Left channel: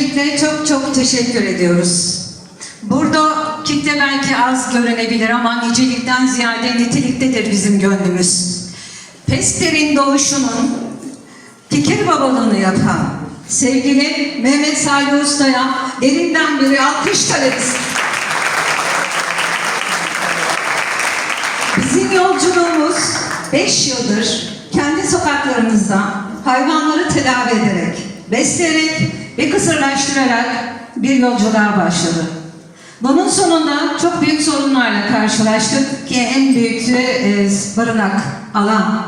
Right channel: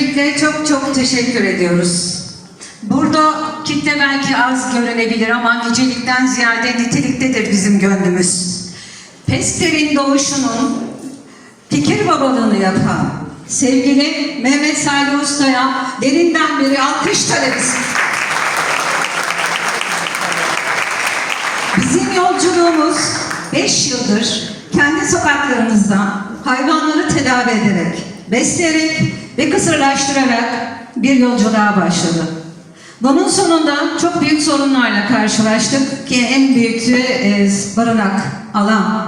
Öncelikle çok çok teşekkür ediyoruz. Burada kitle belki az görünebilir ama nicelikten ziyade niteliktedir bizim gönlümüz. Pesper'in doğuşunun fikir babalığını yapan sevgili Mehmet Salih Usta'ya derinden beri alkış taleriz. Bizim yolculuğumuz 5 yıldır kendi sokaklarımızda hayvanları tedavi ederek, besleyerek ve kısırlaştırarak bir yolculuğa başladı. Bunun sonunda çok büyük sorunlarla karşılaştık ki en büyüğü e, barınak, alan.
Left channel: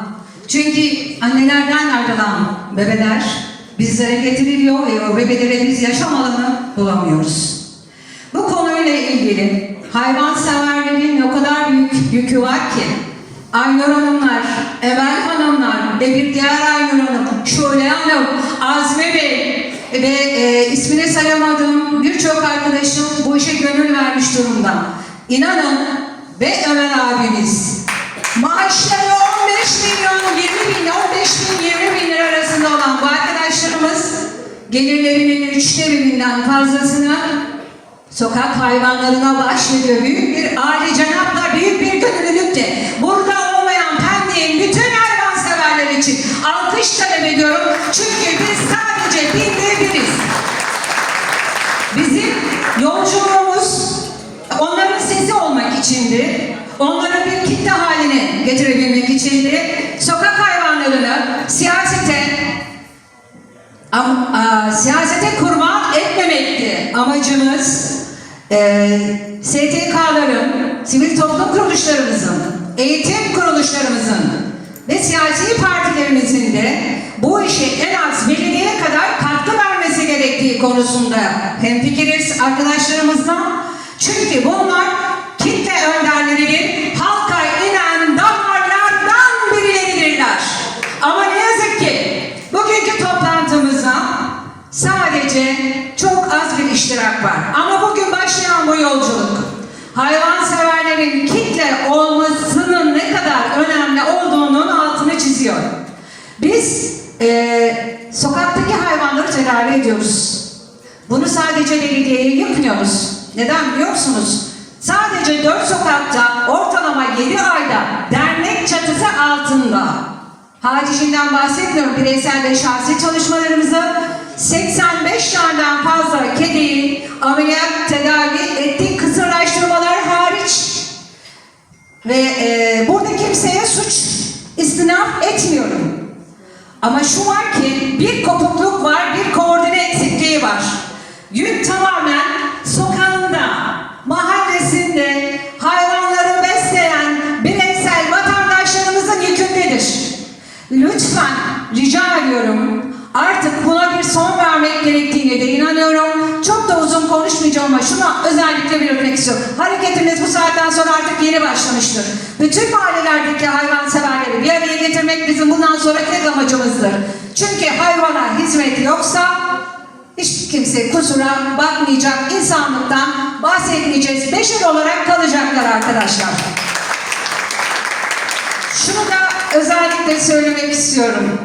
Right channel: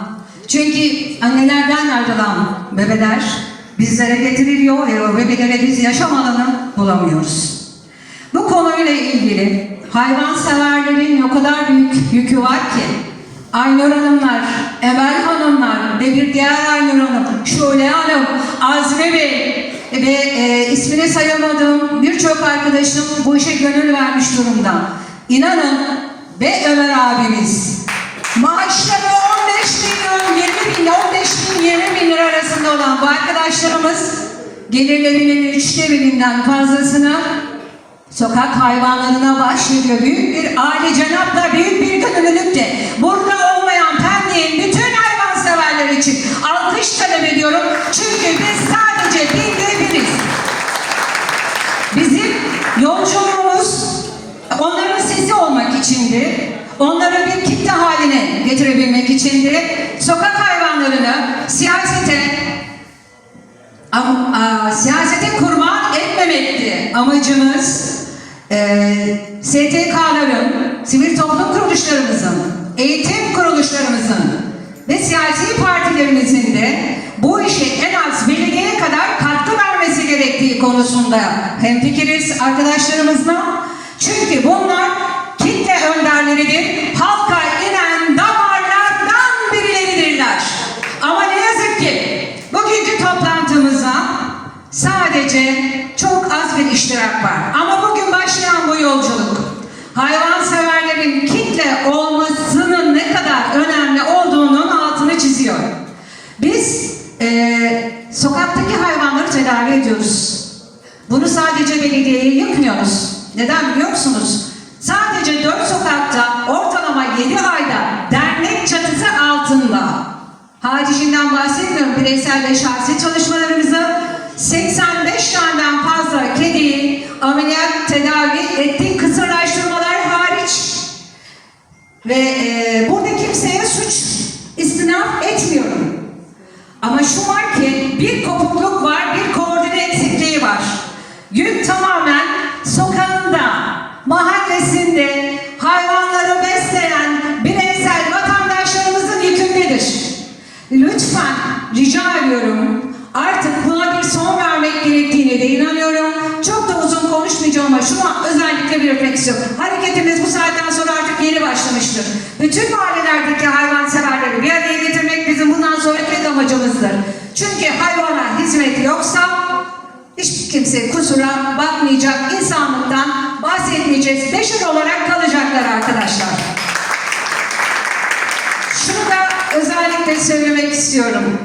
Çünkü annelerden ayrılan bebeler bizlere getiriliyor ve o bebelere biz yaşam alanı bulamıyoruz. Bu konuyla ilgili hayvanseverlerin o kadar büyük yükü var ki Aynur Hanımlar, Emel Hanımlar ve bir diğer Aynur Hanım, Şule Hanım, Azmi Bey ve e, ismini sayamadığım birçok arkadaşım bu işe gönül vermiş durumda. İnanın ve Ömer abimiz maaşları 15 milyon, 20 bin, 15 bin, 20 bin lira arasında olan bu arkadaşlarımız gelirlerinin üçte birinden fazlasını sokak hayvanlarına bahşediyor. Büyük bir aile cenapla Onları bir kitle haline getirebilmek içindi. Sokak hayvanlarını siyasete Am- a, siyasete kurban etmemekti amacımız. Ee, STK'ların, sivil toplum kuruluşlarımızın, eğitim kuruluşlarımızın ve siyasi partilerimizin de bu işe en az belediyeye kadar katkı vermesi gerektiği konusunda hemfikiriz arkadaşlarımızla. Çünkü bunlar sadece çok az bir iştirak var. Ama bugün başlayan bu yolculuk hayvanseverlerin kitle olmasının ne kadar önemli olduğunun altını çiziyor. Biz eee, sokaktaki hayvanları tedavi ediyoruz. Bunu sadece belediyeye yapmıyoruz. Neden biliyor musunuz? Sadece dört sokakta ortalama 7 ayda dernek çatısı altında Haricinden bahsetmiyorum bireysel ve şahsi çalışmalarımızı 85 taneden fazla kediyi ameliyat tedavi ettik kısırlaştırmalar hariç ve e, burada kimseye suç istinaf etmiyorum. Ama şu var ki bir kopukluk var, bir koordine eksikliği var. Yük tamamen sokağında, mahallesinde hayvanları besleyen bireysel vatandaşlarımızın yükündedir. Lütfen rica ediyorum artık buna bir son vermek gerektiğine de inanıyorum. Şuna özellikle bir refleksiyon. Hareketimiz bu saatten sonra artık yeni başlamıştır. Bütün mahallelerdeki hayvanseverleri bir araya getirmek bizim bundan sonra tek amacımızdır. Çünkü hayvana hizmet yoksa hiç kimse kusura bakmayacak, insanlıktan bahsetmeyeceğiz. Beşer olarak kalacaklar arkadaşlar. Şunu da özellikle söylemek istiyorum.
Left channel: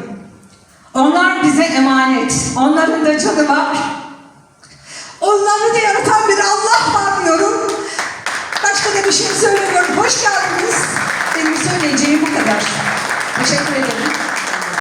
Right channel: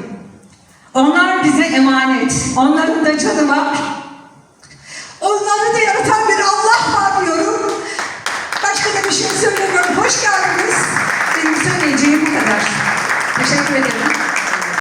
Onlar bize emanet. Onların da canı var. Onları da yaratan bir Allah var diyorum. Başka da bir şey söylemiyorum. Hoş geldiniz. Benim söyleyeceğim bu kadar. Teşekkür ederim.